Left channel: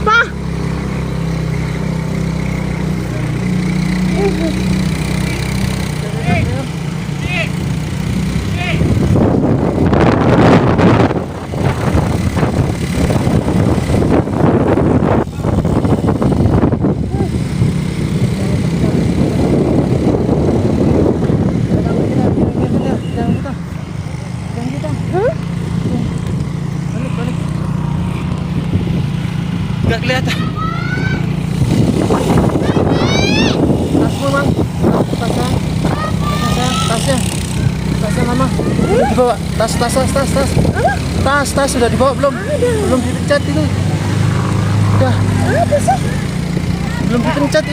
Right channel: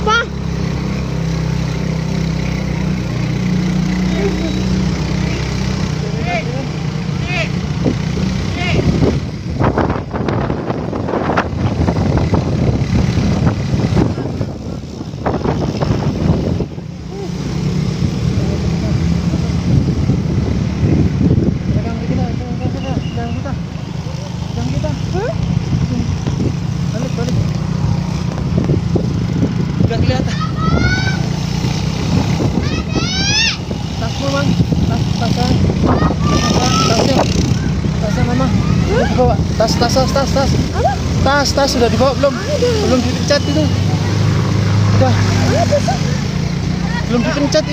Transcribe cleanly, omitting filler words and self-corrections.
Sipa. Gak kelihatan. Tasmu bang, tasnya mama. Udah dibawa. Tas sudah dibawa belum? Belum dipencet itu. Udah. Belum dipencet ini.